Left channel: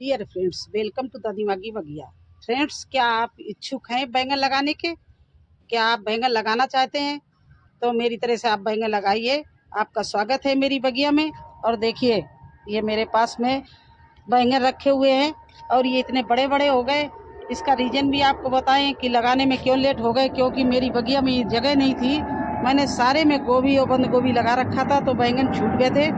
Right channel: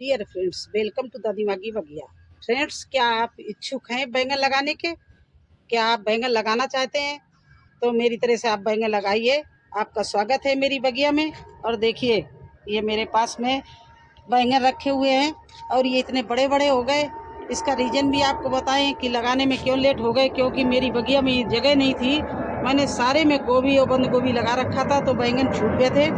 Dear friends, welcome to the दिमागी बगिया। Friends, क्या आप इच्छुक हैं बैंगन लगाने के? क्या आप बैंगन लगाना चाहते हैं? तो मेरी तरह से आप बैंगन लगाइए। आपका स्वागत है मेरी बगिया में। और देखिए, ये मेरे पास में बैंगन रखे हुए हैं और ये इतने बड़े बड़े हो गए। इसका रीज़न भी आपको बताएं कि लगाने में क्यों लेट हो गए, क्योंकि मेरी बगिया में जगह नहीं थी। मैंने सारे में गोभी और बंद गोभी लगा रखा था, तो बैंगन छूट गए थे।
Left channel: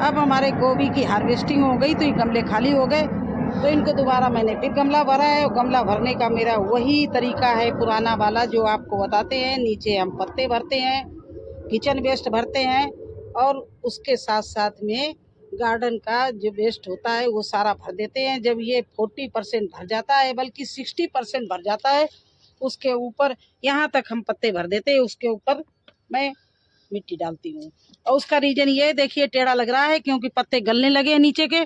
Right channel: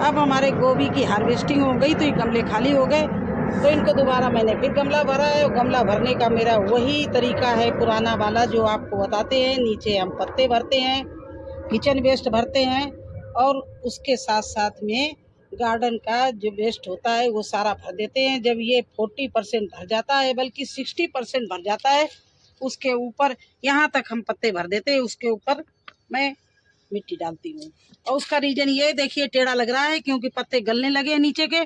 अब हमारे गोभी की हार्वेस्टिंग हो गई तो ये गमले खाली हो गए, तो इनको दोबारा मैंने फिर गमला भरा है। और गमला भरने का मेरा वही तरीका है पुराना वाला, जो आपको बताते हैं। नीचे हम पत्ते भरते हैं, किचन वेस्ट भरते हैं, और उसके साथ साथ में गार्डन का जो वेस्ट होता है वो सारा भर देते हैं। जब ये 40% भर जाता है, बल्कि 60% भर जाता है, उसके ऊपर यहाँ तक हम पत्ते भर देते हैं, उसके ऊपर मैं मिट्टी डालती हूँ। और उसका रीजन ये देखिए, टेढ़ा लग रहा है क्योंकि पत्ते गलने लगे हैं नीचे के,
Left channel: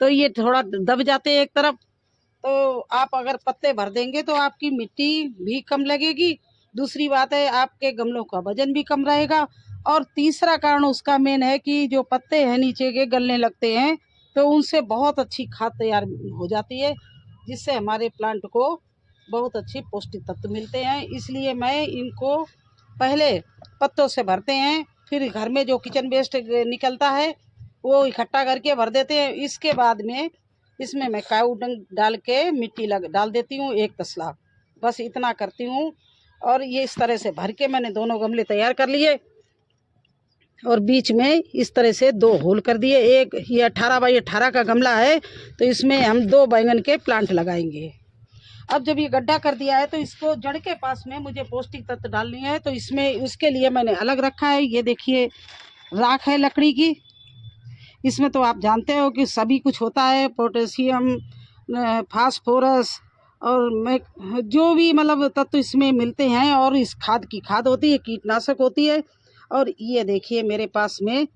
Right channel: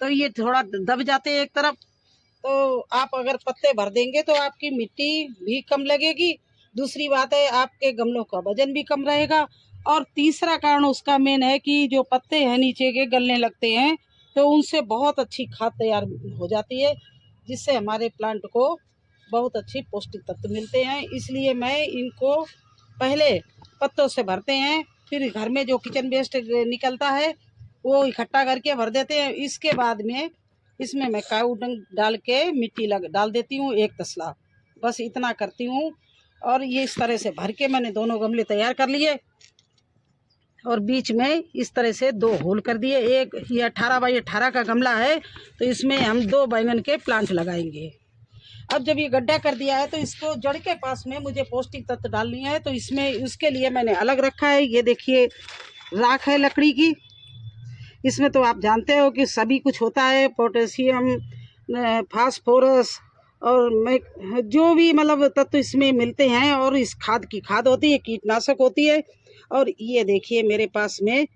तो ये थोड़ा दब जाते हैं एक तरफ। तो आप अगर पत्ते भर देंगे तो आपकी मिट्टी भी कम लगेगी। दूसरी बात है, आपके गमलों का वजन भी कम रहेगा। और तीसरा कारण उसका मेन है कि जो पत्ते हैं नीचे के गलने लगते हैं, तो उनसे बहुत अच्छी खाद तैयार हो जाती है, जिससे हमारे प्लांट को बहुत अच्छी पौष्टिक तत्व मिलते हैं। इसलिए मैं इनको पहले पत्तों से भरते हैं, फिर घर में जो किचन वेस्ट निकलता है वो इकट्ठा करके भर देते हैं। इसके बाद में इसमें मैं काऊ डंग डाल के मिट्टी डाल देती हूँ, एक तसला, बस इतना करती हूँ। और ये इस तरह से भर के मैंने दोनों गमले तैयार कर लिए, और बीच में इस तरह से 2 होल कर दिए। एक ये 18x18 का गमला है, तो इसमें हम 2 बैंगन के प्लांट लगाएंगे। अब जब ये गड्ढा कर दिया है, तो इसको जड़ के पास में मुझे पौष्टिक तत्व डालनी है, तो इसमें उसके लिए मैंने अलग रखा है। ये देखिए, राख है लकड़ी की। इसमें तो आप जानते हो कि सभी कुछ होता है, पोटेशियम, फास्फोरस, और मैं जो भी मतलब तत्व इसमें मिलते हैं। और इस खाद की खाद होती है, कीटनाशक होती है। और ये देखिए, मेरे पास में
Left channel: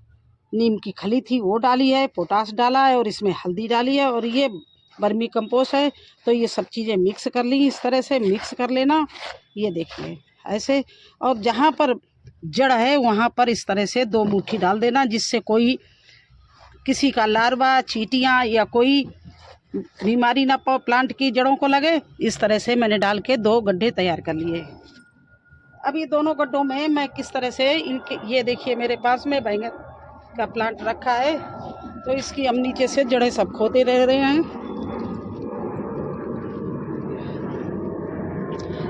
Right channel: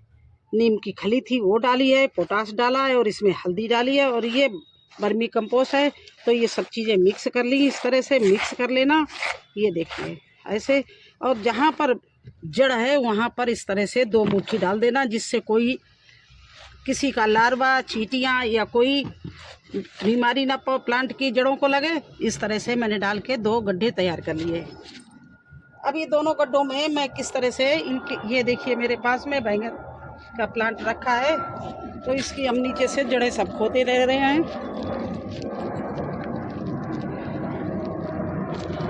नीम की खली थी, वो डाली है, पोटाश डाला है, और इसमें हल्दी डाली है, और ये वर्मी कंपोस्ट है। तो ये सब चीज़ें मिक्स कर ली, इस तरह से मिक्स कर लेना। ये देखिए ऐसे। और जहाँ पर जड़ है वहाँ पर इस तरह से 2 मुट्ठी डाल देना, जिससे कोई किसी का लार्वा, चींटियाँ या कोई बीमारी ना प्लांट की जड़ों को लगे। इस तरह से मैंने डाल के 2 गड्ढे तैयार कर लिए। अब ये दोनों गड्ढों में मैं किस तरह से इनके, ये देखिए मेरे पास में बैंगन का प्लांट रखा है, तो इसकी हम नीचे से जड़ें सब खोदे रह रहे हैं।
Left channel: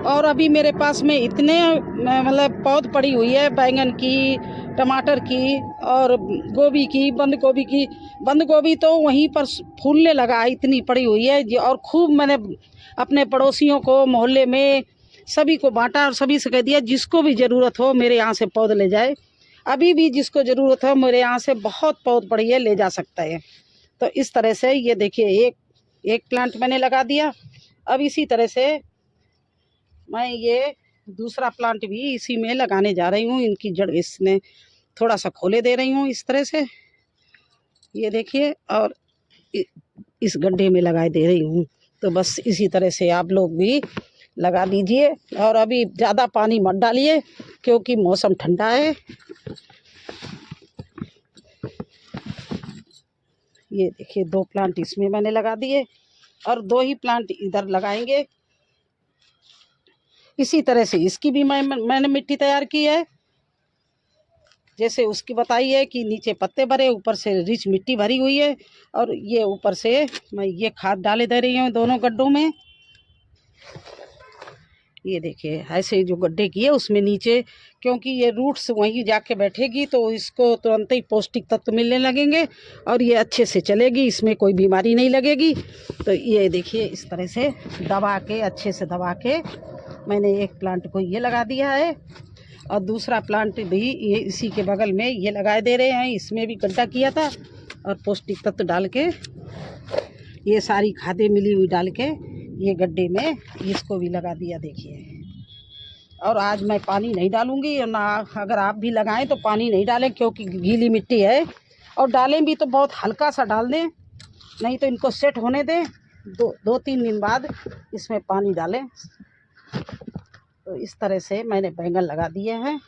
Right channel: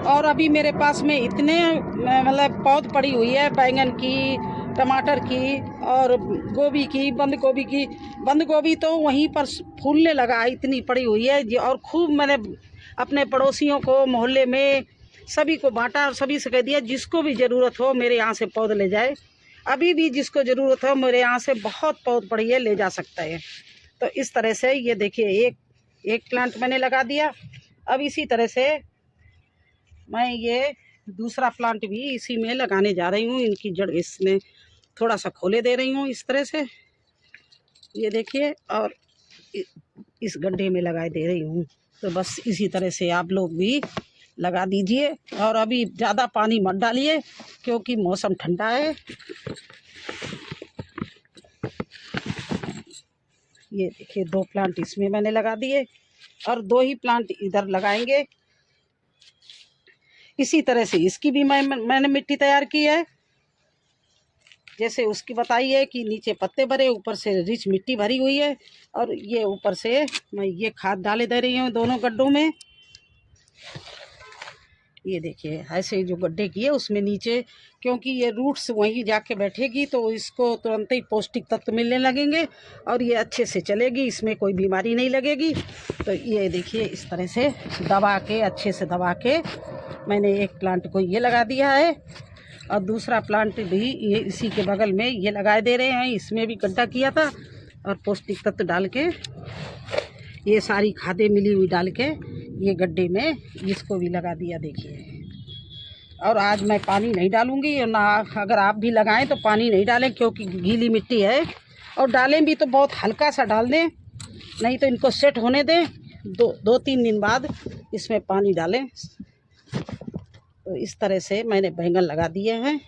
और अभी मेरे पास में इतने मतलब पौध पड़ी हुई है बैंगन की, टमाटर की, और गोभी की, बंद गोभी की। बंद गोभी तो वहीं पर फूलने लगा है, इतनी पड़ी हुई है। और खूब मैंने अपने पड़ोसियों को, मोहल्ले में सभी को बांटा, और सभी से कह दिया जिसको भी ज़रूरत हो मेरे यहाँ से पौध ले जाए। अभी भी जिसको ज़रूरत हो मेरे यहाँ से बहुत पौध पड़ी है, ले जा सकता है। तो इस तरह से ये देखिए, एक प्लांट मैंने लगा दिया। अब इसी तरह से मैं ये दूसरा प्लांट भी इसी में लगाने जा रही हूँ। इनकी जड़ इसमें थोड़ा सा खोले दे रही हूँ इस तरह से, ये देखिए, और इस गड्ढे में लगा दे रही हूँ। तो बस इसी तरह से आप लोग भी लगा दीजिए। और अभी ज़्यादा पानी मत डालिए क्योंकि मौसम ठंडा है। ये देखिए, 2 प्लांट इसमें मैंने लगा दिए, और 2 ही प्लांट इधर लगाएंगे। इसी तरह से इसकी भी मैंने मिट्टी तैयार की है, जैसे उसकी बताई है कि नीचे पत्ते भरे, ऊपर से रिच मिट्टी भरी हुई है। और ये ऊपर से मैं ये खाद डाले दे रही हूँ दोनों गड्ढों में। ये देखिए, ऐसे जो गड्ढे किए उसमें नीचे, क्योंकि ये रूट्स वहीं जाके बैठेगी तो इसको तुरंत ही पौष्टिक तत्व मिलने लगेंगे, और ये अच्छे से चलेगी, इसमें कोई बीमारी नहीं लगेगी। तो ये देखिए, इस तरह से दबा के, अच्छे से दबा के मैंने एक प्लांट को ये लगा दिया है, और दूसरा प्लांट भी ये इसी के बगल में ये लगाए दे रहे हैं। इसमें भी गड्ढा किया था, और पौष्टिक तत्व डाल के, ये सारी खादें मिली हुई डाल के ये गड्ढे में इसको भी लगा दिया, देखिए। और आज मैं पानी नहीं डालूंगी, और ना अगर आप भी लगाएं तो पानी नहीं डालें, क्योंकि गीली मिट्टी है। और डालें भी तो बहुत हल्का सा डाल दें, नहीं तो इनको सेट होने दें। 2-3 दिन बाद इसमें पानी डालें। तो इस तरह से मैंने बैंगन लगा दिए हैं।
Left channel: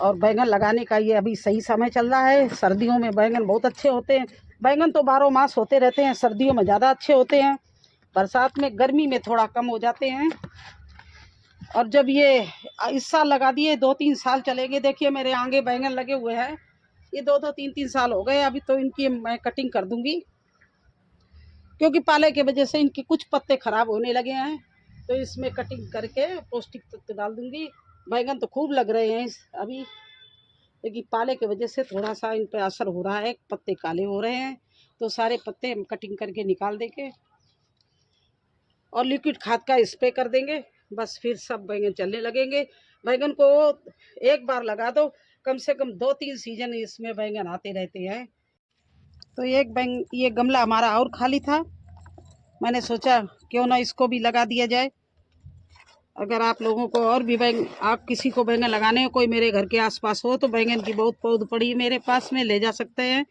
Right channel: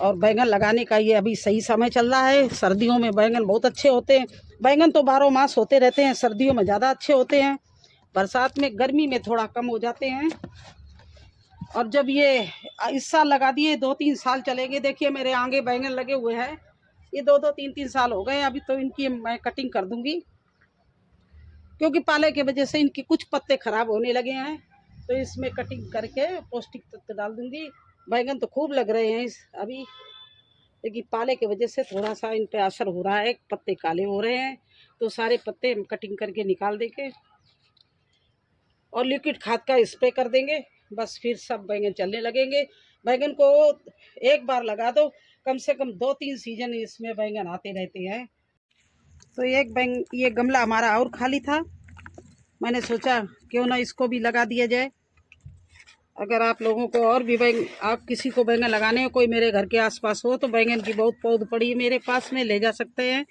और बैंगन लगाने का ये अभी सही समय चल रहा है। सर्दियों में बैंगन बहुत अच्छे होते हैं, बैंगन तो 12 मास होते रहते हैं, सर्दियों में ज़्यादा अच्छे होते हैं, बरसात में गर्मी में थोड़ा कम हो जाते हैं। और जब ये इस साल लगा दिए 2-3 साल चलेंगे। देखिए मेरे आगे बैंगन लगे हुए हैं, ये 2-2 3-3 साल हो गए। अभी तो इनकी मैं कटिंग कर दूंगी, क्योंकि पाले की वजह से इनके कुछ पत्ते खराब होने लगे हैं, तो इसमें कटिंग करके पौष्टिक तत्व डाल दूंगी। बैंगन तो खूब लग रहे हैं अभी, लेकिन पाले की वजह से थोड़ा सा इन पे असर हो रहा है, पत्ते काले हो रहे हैं, तो सारे पत्ते हम कटिंग करके निकाल देंगे और लिक्विड खाद का स्प्रे कर देंगे। बस फिर सब बैंगन चलने लगेंगे। बैंगन को एक बार लगा दो, कम से कम 2-3 सीजन इसमें बैंगन आते रहते हैं। तो ये गमला हमारा और खाली था, मैंने सोचा क्यों ना इसको भी लगा दिया जाए। अगर आप लोगों को और भी आप किसी को बैंगन लगाने हो, कोई मेरे घर के आसपास हो, तो बैंगन की बहुत पौध पड़ी है मेरे पास में, ले जा सकते हैं।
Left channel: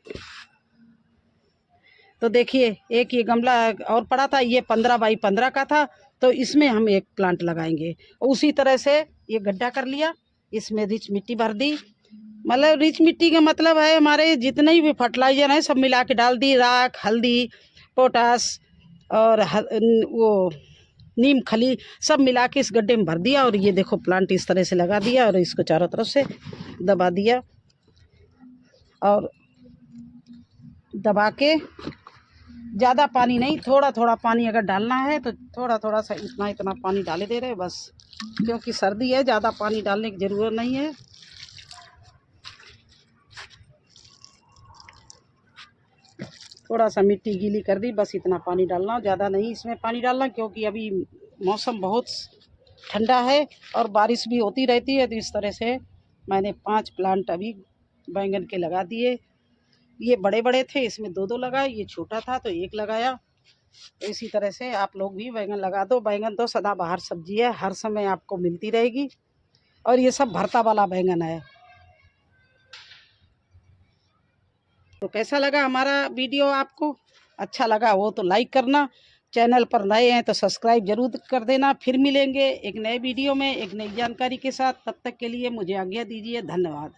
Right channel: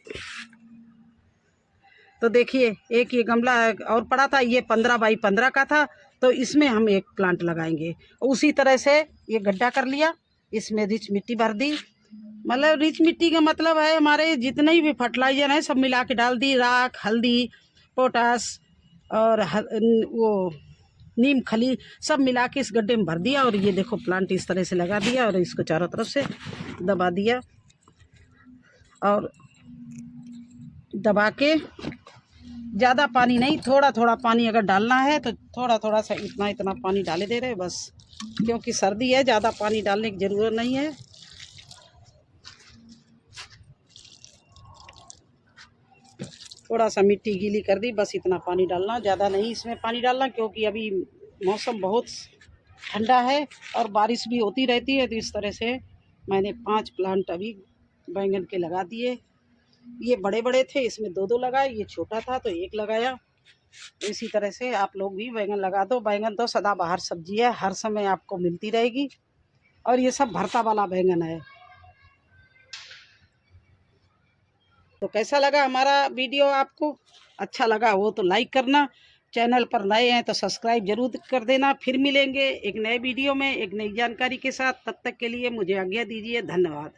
तो देखिए एक ये गमला और पड़ा था, ये 15 बाई 15 का था, तो इसमें हम एक प्लांट लगाएंगे। उसी तरह से ये गड्ढा कर लिया, इसमें रिच मिट्टी भर दी। मतलब रिच मिट्टी का मतलब है हमारे जितने भी फर्टिलाइजर हैं सब मिला के डाल दी, राख, हल्दी, पोटास और वो नीम खली सब मिला के इस गड्ढे में भर दिया। और ये देखो प्लांट इस तरह से लगा दिया और इसको चारों तरफ से दबा दिया। और दबा के ज़्यादा पानी नहीं, थोड़ा थोड़ा पानी अगर डालना है तो थोड़ा थोड़ा सा इतना इतना पानी डाले दे रहे बस, क्योंकि सर्दी है, ज़्यादा पानी डालने की ज़रूरत नहीं है। थोड़ा सा मिट्टी गीली कर दी, बस इतना पानी डालना, ज़्यादा नहीं इसमें पानी डालना, क्योंकि अभी मौसम बहुत ठंडा है और बारिश भी होती रहती है। तो इस तरह से मैंने 5 प्लांट अभी बैंगन के लगा दिए। ये बड़े बड़े थे, इसमें 2-2 लगाए, ये छोटा था तो 1 लगाया। तो इसी तरह से आप लोग भी बैंगन लगा दो। बैंगन तो सदाबहार सब्जी है, हर समय आपको मिलती रहेगी, और ये सब भरता वाला बैंगन है। तो कैसा लगा हमारा वीडियो? आपको अच्छा लगा हो तो लाइक करना, चैनल पर नए हैं तो सब्सक्राइब जरूर कर देना। फिर मिलेंगे एक नए वीडियो में एक नई जानकारी के साथ, तब तक के लिए मुझे आज्ञा दीजिए। धन्यवाद।